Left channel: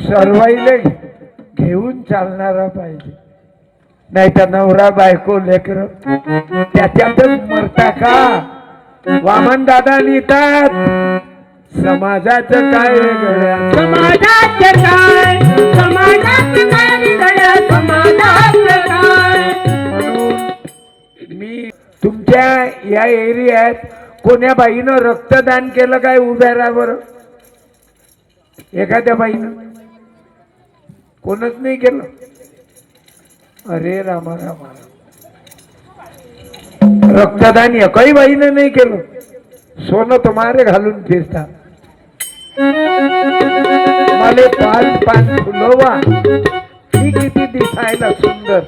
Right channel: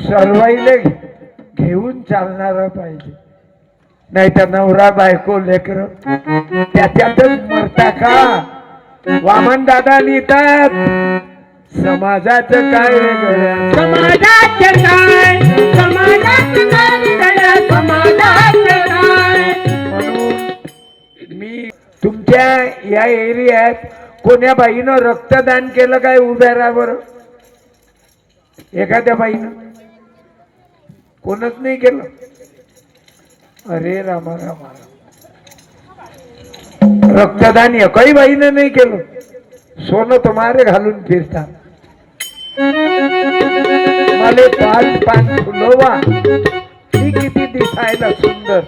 सर्वाईले घेऊन चालणारा पाहिजे, नाही तर नवरा बायको लेकर त्याच्यातच मरता का? वामन दादा लिहितात समाजाचं काय वेगळं, समाजाचं काय, समाजाचं काय वेगळं, समाजाचं काय. म्हणून मी तुमच्या या एरियात कोण्या बाईनं रक्तदान केलं काय? उभ्या राहा बरं. एखाद्या बाईनं कोणच नाही केलं. अरे रामा रामा, रक्तदान एकही बाईनं नाही केलं. सोनं तुम्हाला घालून फिरता. मला पाच पाच फुलवा, ही किती दिसायला सुंदर,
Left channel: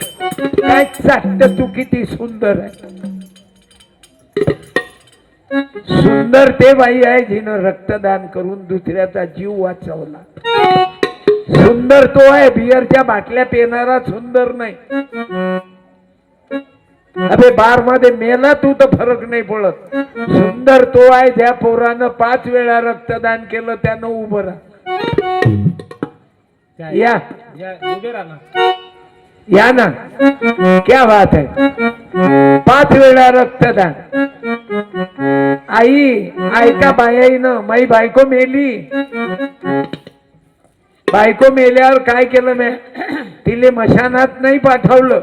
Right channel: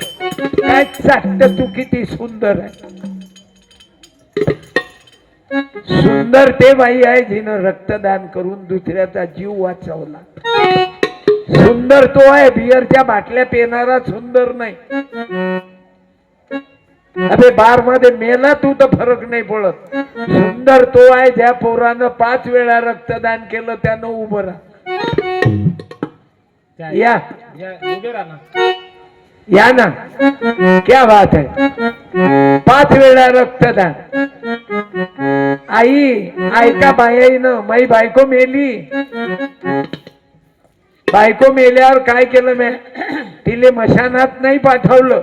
काय चाटत तू किती सुंदर आहे. सुंदर ते बाई आहे जिनं रक्तदान करून दुसऱ्याचा जीव वाचवला. सुंदर तो आहे, बियरच्या बाटल्या पिणारा सुंदर नाही. अबे बार मध्ये मेला तू तर फरक नाही पडत. सुंदर तो आहे ज्या पोरानं 5 वेळा रक्तदान केलं त्यानं उभं राहा. या या ना, क्या बात है. 5 वेळा रक्तदान. आई ऐका बाईनं, माई बायको मेली. बायको मेल्यावर काय केलं मी? तिले मशानात नाही पाठवलं,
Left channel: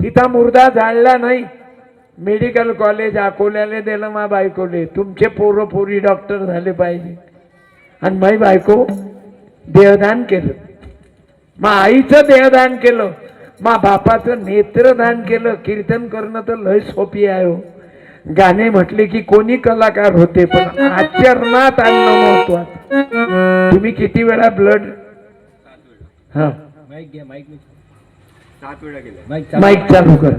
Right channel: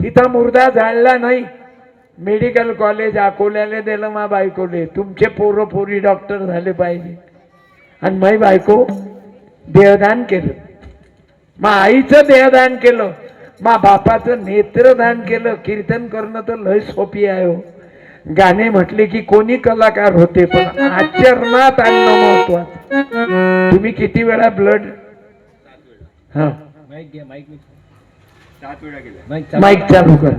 तिथं मुर्दा जाळला नाही. मेडिकल कॉलेज अकोल्याला दिलं मा बायकोले. तुमचे पोरं पोरी डॉक्टर झाले पाहिजे. आणि माई बायको देहदान केलं. मा आईचं देहदान केलं, मा बापाचं नेत्रदान केलं. कीर्तन करणं तर लय सोपी आहे हो. गाणे म्हटले की कोणी कलाकार होते, पण आचरणात आणणं महत्वाचं. तुम्ही किती वेळा ब्लड? हा, माईक चालू कर.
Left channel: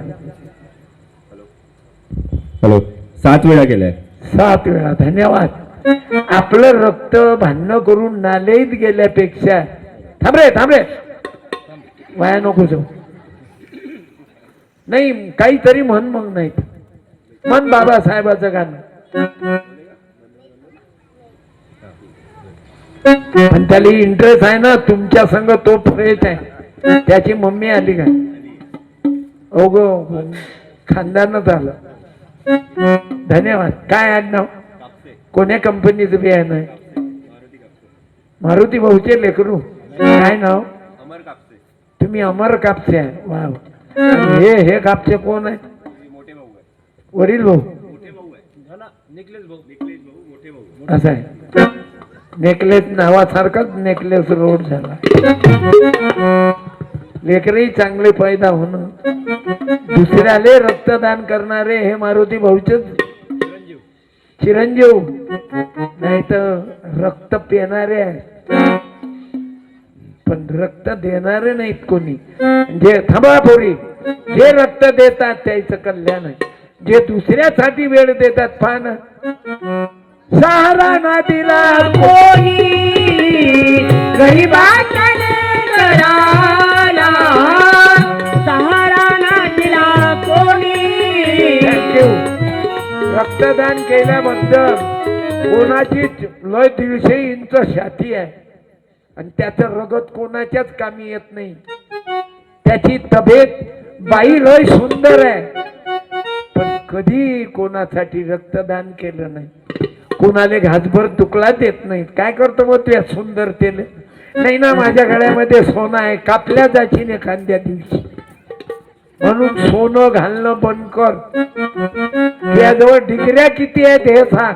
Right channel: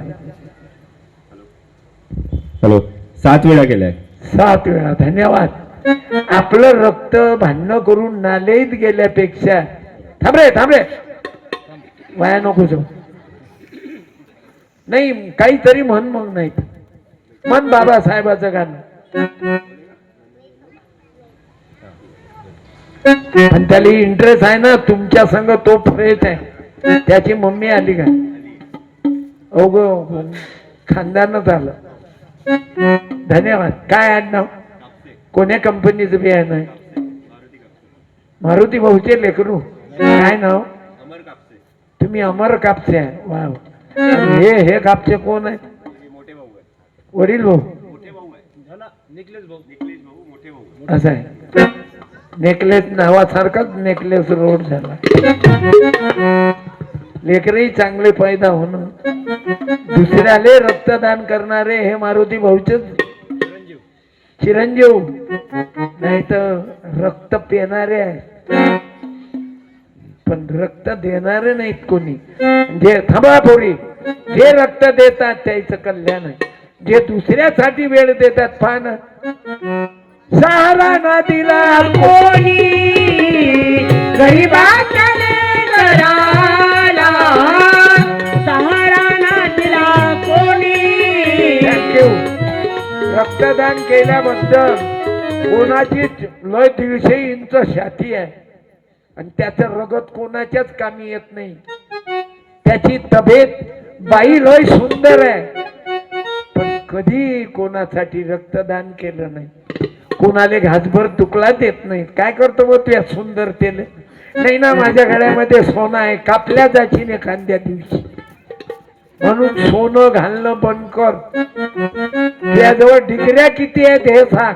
हॅलो, 7 वेळा केलाय. 7 वेळा. धन्यवाद. आपलं रक्त भांडण करून नालेत गेल्यापेक्षा थांबरे थांबरे वाया नको जाऊ. नाही काहीतरी म्हण, मग नाही म्हण बाबासाहेबाचं गाणं. आणि त्याला इंटरेस्ट आहे ना तुमच्या संग, तो फ्रेश आहे. त्याची मम्मी आली का? ओगो खानदानच आलं. धन्यवाद. काय आडनाव? कोण्या कंपनीचं बियाणं आहे? मारुती भाऊचे लेकरू. काय नाव? तुम्ही अमर कापसे आहे. वा. हे कापसे कोण आहे? वडील भाऊ. असं आहे. नेकलेस नावासारखाच नेकलेस रोड झाला. लेकरही चांगले पैदा होणं. दुसऱ्याले रक्तदान करणारे हे मारुती भाऊचेच चिरंजीव, नाही तर रक्त पिणारे आहेत पण रक्त देणारे नाहीत कोणी. जे थांबा पोरी, जे रक्त देतात त्याचं कल्याण आहे. जे दुसऱ्यासाठी वेळ देतात पान. सहारा ना दिला कोणी गरिबाच्याले घराला, सहारा ना दिला कोणी. रक्तदान केल्याबद्दल कोणाची लय 150 इंच छाती आहे आणि त्याचं रगत कोणाच्याच कामी येत नाही. त्याची तब्येत बाई लय सुंदर आहे, पण कधी कोणासाठी रक्तदान केलं नाही. कोणाले घासभर तुकडा देत नाही. काय करतो मग त्या सुंदरतेने? नाही ना, माझ्या गळ्यामध्ये सोनं आहे, कापल्या जाशील एखाद्या दिवशी. म्हणून सोनं घालणं बंद कर. त्याजवळ डिग्र्या किती आहेत हे सांग.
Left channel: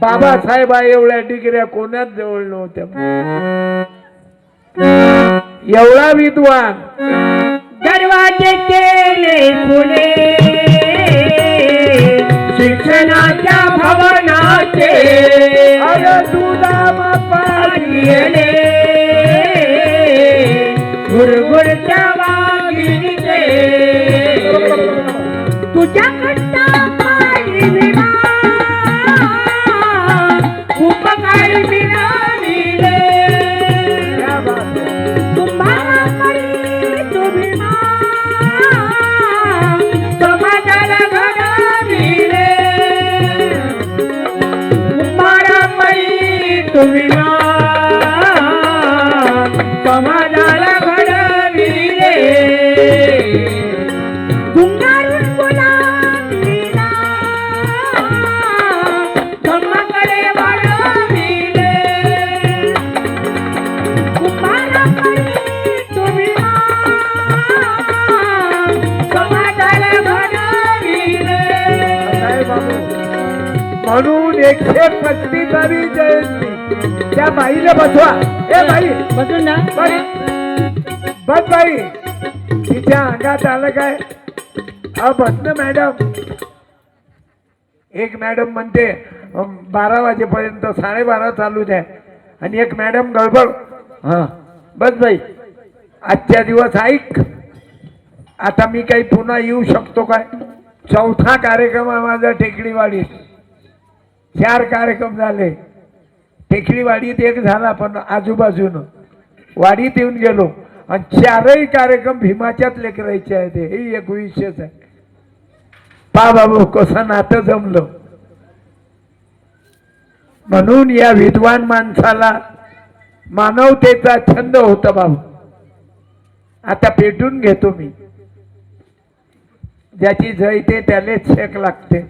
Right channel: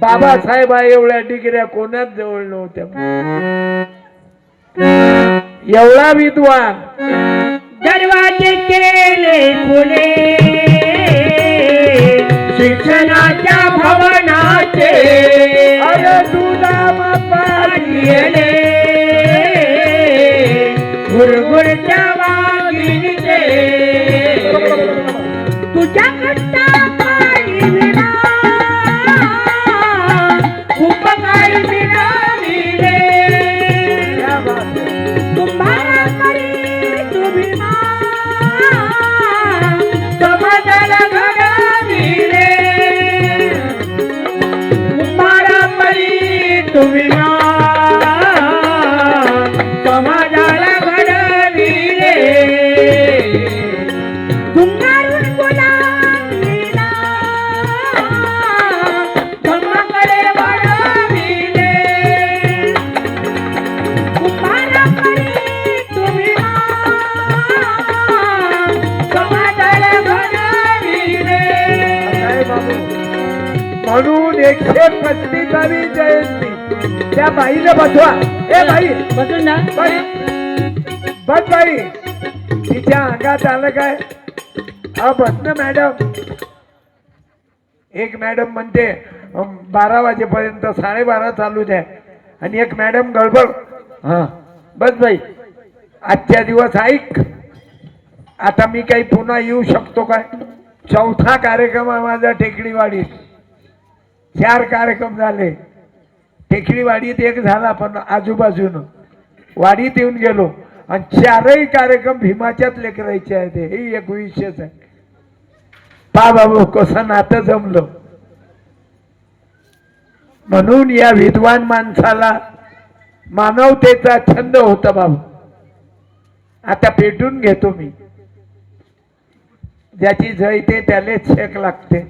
बाबासाहेब एवढ्या डिग्र्या कोणाच जवळ नव्हत्या. एवढा विद्वान. दरवाजे केले खुले शिक्षणाच्या भवनाचे, दुधाम पाणी गुरगुरच्या वाघिणीचे. तुझ्या कट्टा पाणी विना खूप काही मिळाले. तुम्हाला तरी तुम्ही समाजाला घडविले. तुम्हाला परी तुम्ही कष्टीचावी जयंती. त्या बाईला बसवा. ए बाई बसून ना बाई बस बाई. तिच्या अंगात आलं काय? हा बस ना मॅडम. एक मॅडम म्हणते 12 वाजेपर्यंत 12:30 चालू द्या. आणि एक मॅडम गडबड. हा बस बाई. आजच्या दिवस ऐक. आता मी काही पुन्हा येऊ शकतो काय? 4था कार्यक्रम आहे माझा टेकडीवाडीत. 4 कार्यक्रम झाले. टेकडीवाडीत एक झाला पण आजूबाजूनं वाडीत येऊन गेलो आणि 4ही कार्यक्रम भीमाच्याच लेकरायचे आहेत. हे एक विशेष आहे. पा बाबू कसं नातं जमलं. म्हणून या विद्वान माणसाला मानवतेचा छंद होता बाबू. आता पेटून घेतो मी. ज्याची जयते त्यालेच शेक लागते.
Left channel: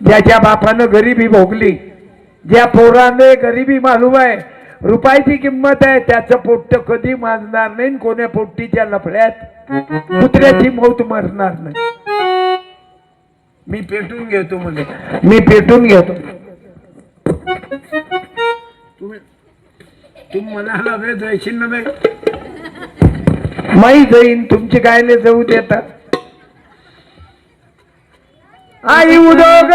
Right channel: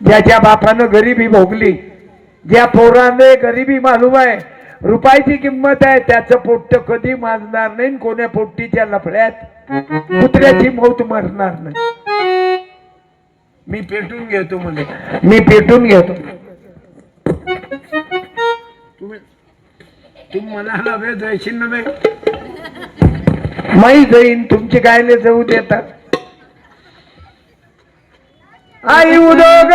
ज्याच्या बापानं गरिबी भोगली, ज्या पोराने गरिबी मालूम आहे, रुपयाची किंमत आहे, त्याचं पोट्ट कधी माजणार नाही. कोण्या पोट्टीच्या लफड्यात कुत्र्याची मौत मरणार नाही. मी पेटून घेतो म्हणजे मी पेटून घेतो. तुम्ही म्हणाला वे जायशील ना. माही जाईन तुमची कायले जाऊ देतात. आई उदोग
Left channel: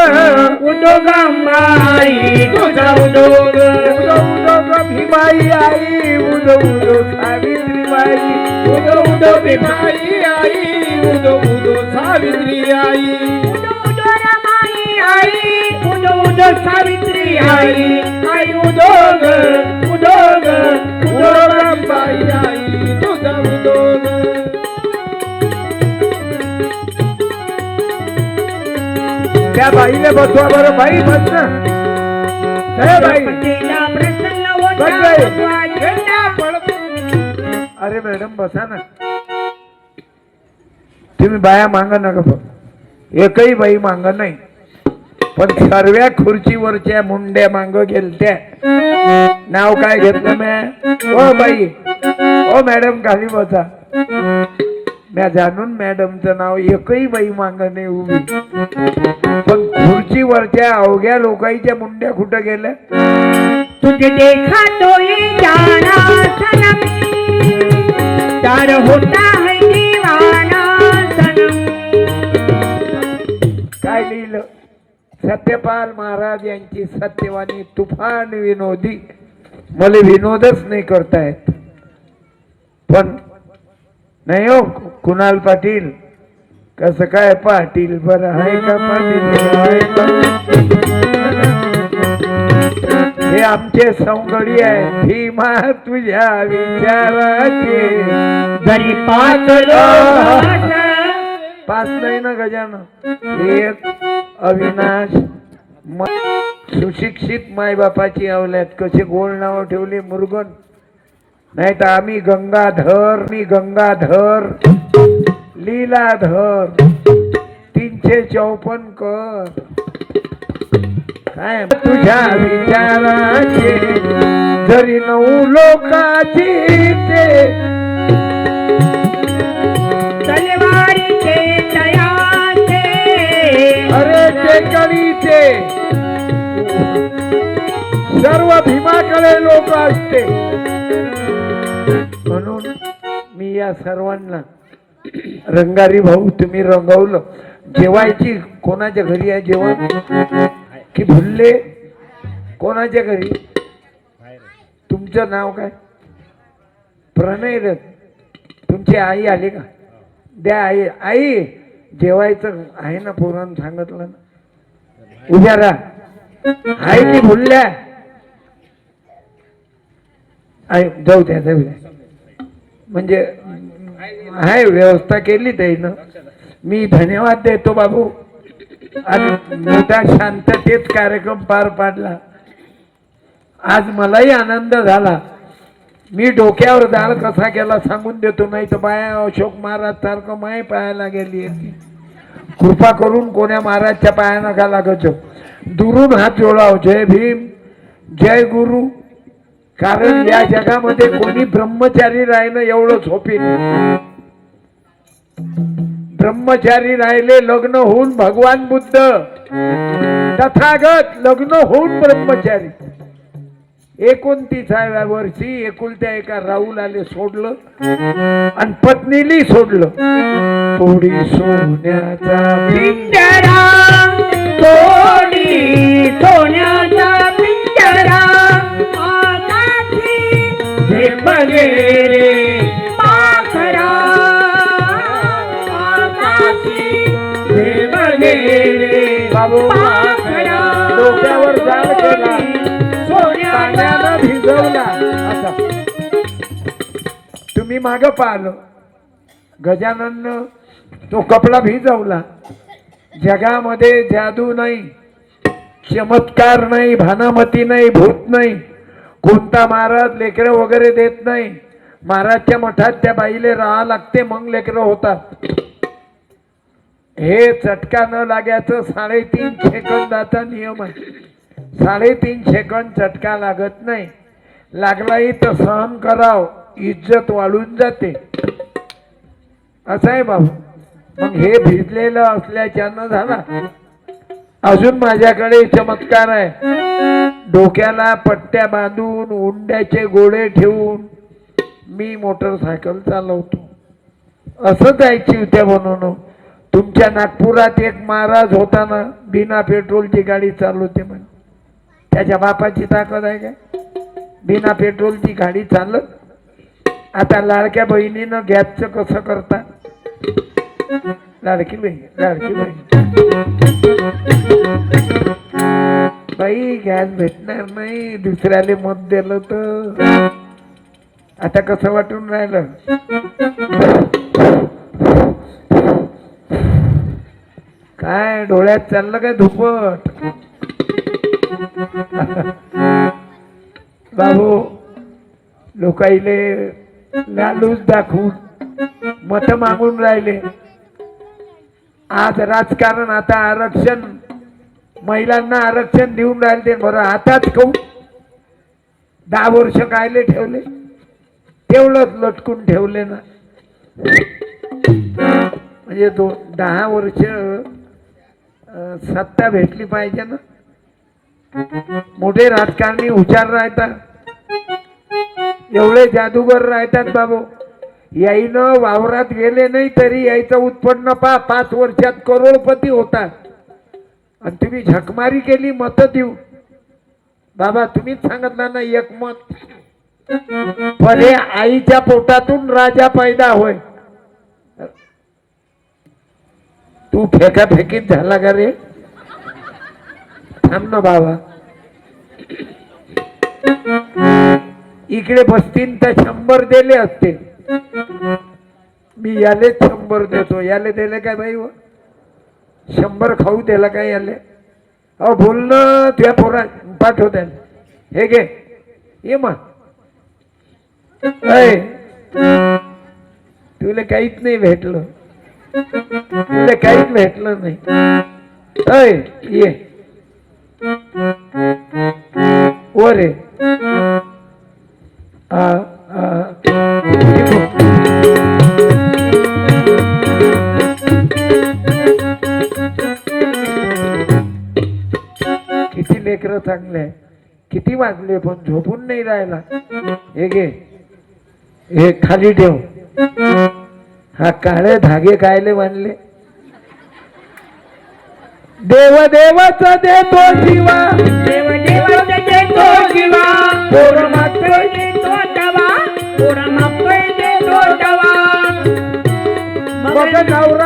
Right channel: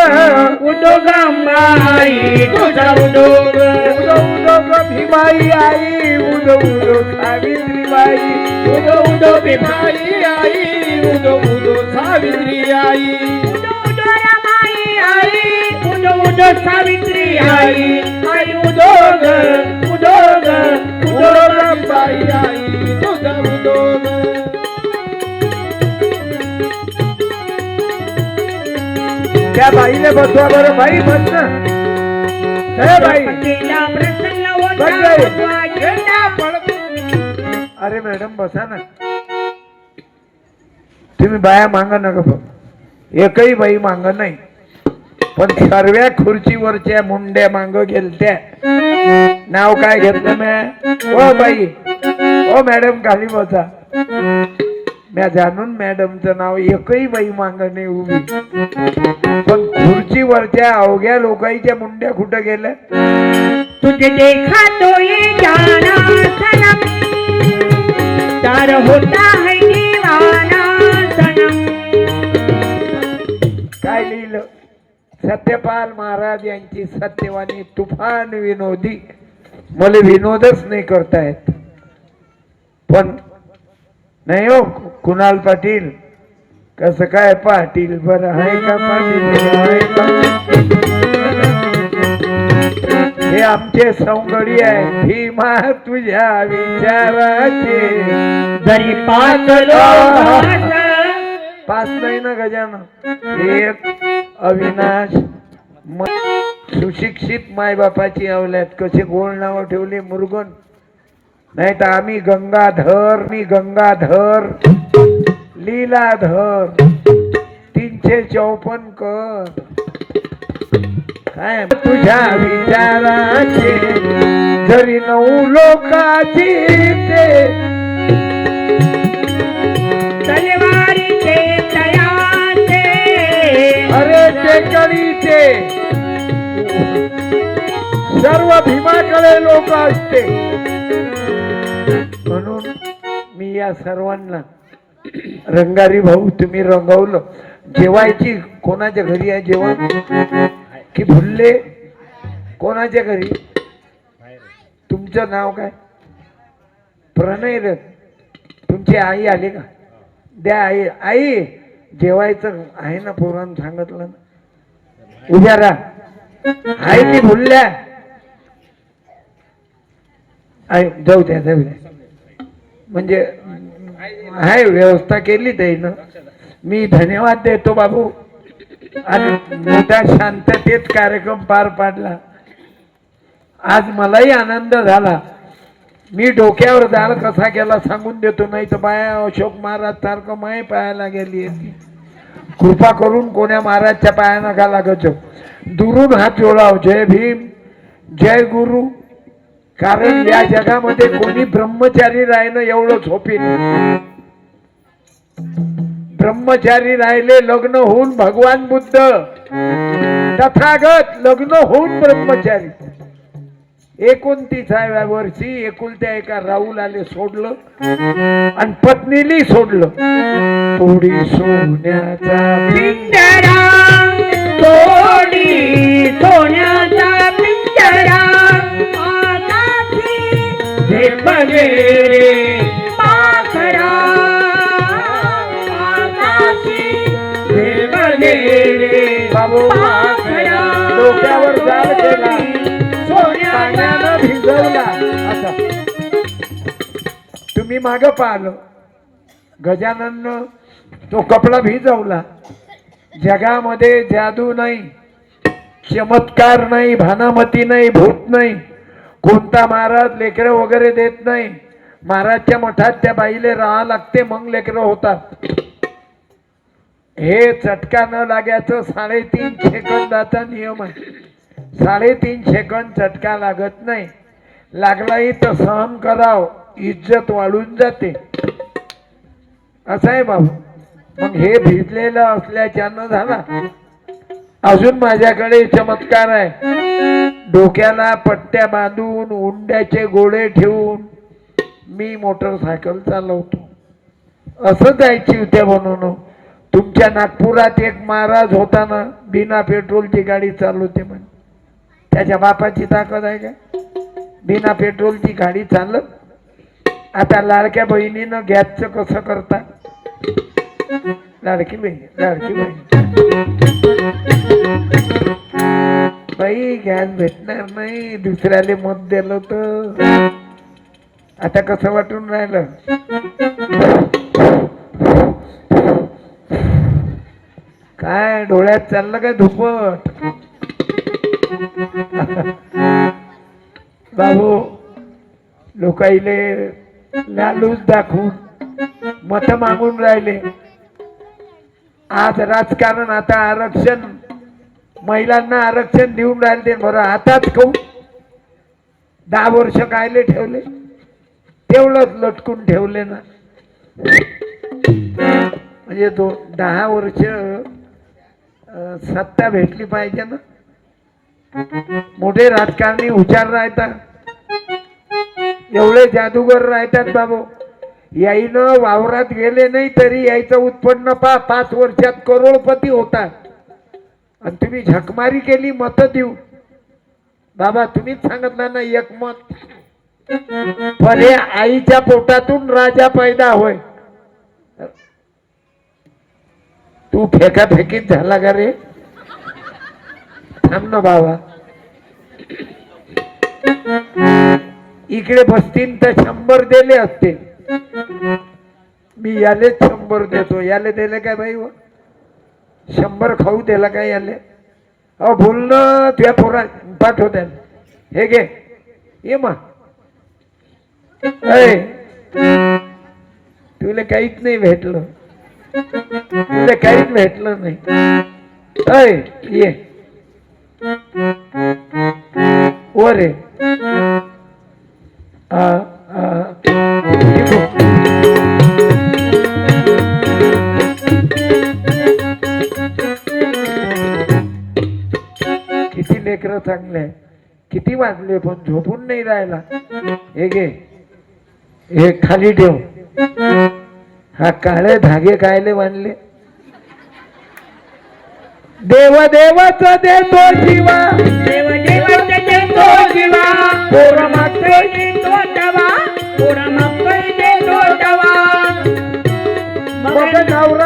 उदोग अंबाई तुझा उदोग उदोग भीमाई आई उदो उदो सावित्री बाई उदो उदो भीमाई आई उदो उदो सावित्री आई उदो उदो रमाई आई उदो उदो सावित्री आई आई उदोग उदोग उदोग अंबाई आई तुझा उदोग. त्या बाईला बसवा बरं. बाई बस ना. बाई अरे मॅडम बसा ना. तुम्ही बाया मागा नका. पण एकही बाई माग नाही. पण सर्व खुर्चीवरच्या मुंड्या मांग गेलत्या. नाव काय घेतलं मी? ओ बाई ओ मॅडम खाली बसा. मी जाणून मॅडमचं नाव एकही बाई मांग नाही उभी. पण खुर्चीवरच्या अवघ्या लोकांच्या मुंड्या कुठं गेल्या? तुझे देखा तो ये जाना सनम तार होता है दीवाना सनम. काय लिहिलं? सत्यपाल महाराज यांची सत्यवाणी तुफान विनोदी. मला विनोदच नाही करतायत. पण नाही हो कुणाल पाटील. कसं काय पाटील बरं आहे का पाटील? हे आमचे सौंदर्य आहे. भीमा तुझ्या विचाराचे जरी पाच पाच नाही ना गजानं. एक अविनाश सुशिक्षित मायबापाची अवल्यात कसे गोड नाव ठेवले मुरगन. नाही तर आम्ही गंगाधर लीलाधर 354 कर. काय तुझ्या विचाराचे जरी 9 लोकाची ते तलवारीचे तयाचे अरे ते करीचे सर्व भीमाकडे लोक असते. म्हणून मी या सर्वांना रंगारी भाऊ तुम्ही रंगवलं. जेवायची कोणाच्या घरी आहे जेवण की भुलले? कोणाच्या घरी? तुमचं नाव काय? प्रणय रथ. तुमची आई आली का? द्या आई. आई जेवायचं आहे ना पोरानं सांगितलं ना. उद्या राहा. आहे की भुलल्या? जाऊ द्या म्हणजे आहे व्यवस्था केली त्यानं. मी धन्यवाद देतो बाबू. आणि मोठ्या शांततेत कार्यक्रम पार पाडला. आज मलाही आनंद झाला. मी डोक्यावर दाल कसा केला सांगून देतो. नाही तर बाया अशोक महाराज सारखं माय पायाला गेली. कृपा करून कोण्या महाराजच्या पाया नका लागत. दुरून हात जोडाव. जय भीम जय गुरु. कारण या जगामध्ये कोणी ब्रह्मचारी राहणं एवढं सोपे नाही. ब्रह्मचारी राहिले लग्न होऊन भगवान बुद्ध, तथागत लग्न होऊन ब्रह्मचारी. 29व्या वर्षी एकुलत्या एका राहुलाले सोडलं आणि पत्नीली सोडलं. थोडी सोन्याचा पिंजरा तोडी सोन्याचा पिंजरा आकाशी झेप गेले पाखरा आकाशी झेप गेले बाबू पाखरा डोक्यावर जाळ केला, सोन्याचा पाण्यानं भिजवला. असा तुम्ही माग पाहिलं गजानन तो कपडा भिजवला. जगामध्ये जादू नाही, चमत्कार नाही, भानामती नाही, भूत नाही, कोणता महाराज लेकरं वगैरे देत नाही. महाराजच्या मठात त्या बाईले राहा लागते मग लेकरं होतात. हे चटका न लागायचं 3.5 सेकंदाचा नियम आहे. 3.5 सेकंद चटका लागत नाही. लागलाही तर सहन कराव, इज्जत वाढून जाते. असं आहे बाबू. मग हे भिजलेलं असल्याच्यानं झाला. अजून माझ्याकडे चमत्कार आहे. डोक्याला पट्ट्या बांधून उंड्याचे गोळे ठेवून मी मोटरसायकल चालवतो. असं जायची होत्या म्हणून. तुमच्या नागपुरात एक महाराज होता ना, बिना पेट्रोलची गाडी चालवते म्हणे. त्याच्या बापाची ताकद आहे काय? बिना पेट्रोलची गाडी चालत. आता लाडक्या बहिणीनं गॅसचं कसं करता? लाडकी बहीण बाई गॅस भेटणार नाही, दुसऱ्याले मत दिलं तर. आता कसं वाटून राहिलं? काय डोळ्यात चाललं काय धुपट? बाबू लोकाईले लालूच दाखवून मत मागून राहिले. आज राजकारण, आता आरक्षण, महिलांना आरक्षण देऊन राहिले. बरं आताच कहू 10 वर्ष कायले ठेवले? तेवढंच लटकून ठेवले ना. म्हणजे 10 वर्ष सत्ता भेटली पाहिजे ना. मोठे राजकारणी हुशार राहतात, एवढे जादूगर राहतात बाबू. याईनं वावरात गेले नाही तरी यायचं उत्पन्न 5 वर्षात करोडपती होता. आणि तुम्ही झकमारी केली मत देऊ. बाबा तुम्हीच सांगितलं ना एक मत. पण हे आईच्या पोटातून राजा पैदा होय. तू फेकाफेकीत झाला का रे? थांब ना बाबा. इकडे बसतील तर 100 दिले असते. मी याले 100 देतो. याले दिले काय बाई? 100 खाऊ दिला काय याले? अहो बोलणं तुझ्या पोरा पाठव द्या. हे घे ये मग. तुला काहीच नाही भेटलं. तुला काहीच भेटलं नाही. ये वर आहे. किती लेकरं चांगले आहे. किती वाजले पण झोपून नाही राहिला. हे घे, हे खाली ठेव. हा काळे धागे कायले बांधले? देव देवाचा देतो शिवा, देव देवाचा देतो शिवा, पोरं मागते देतो दवा, पोरं मागतोय देतो दवा. मग नवरा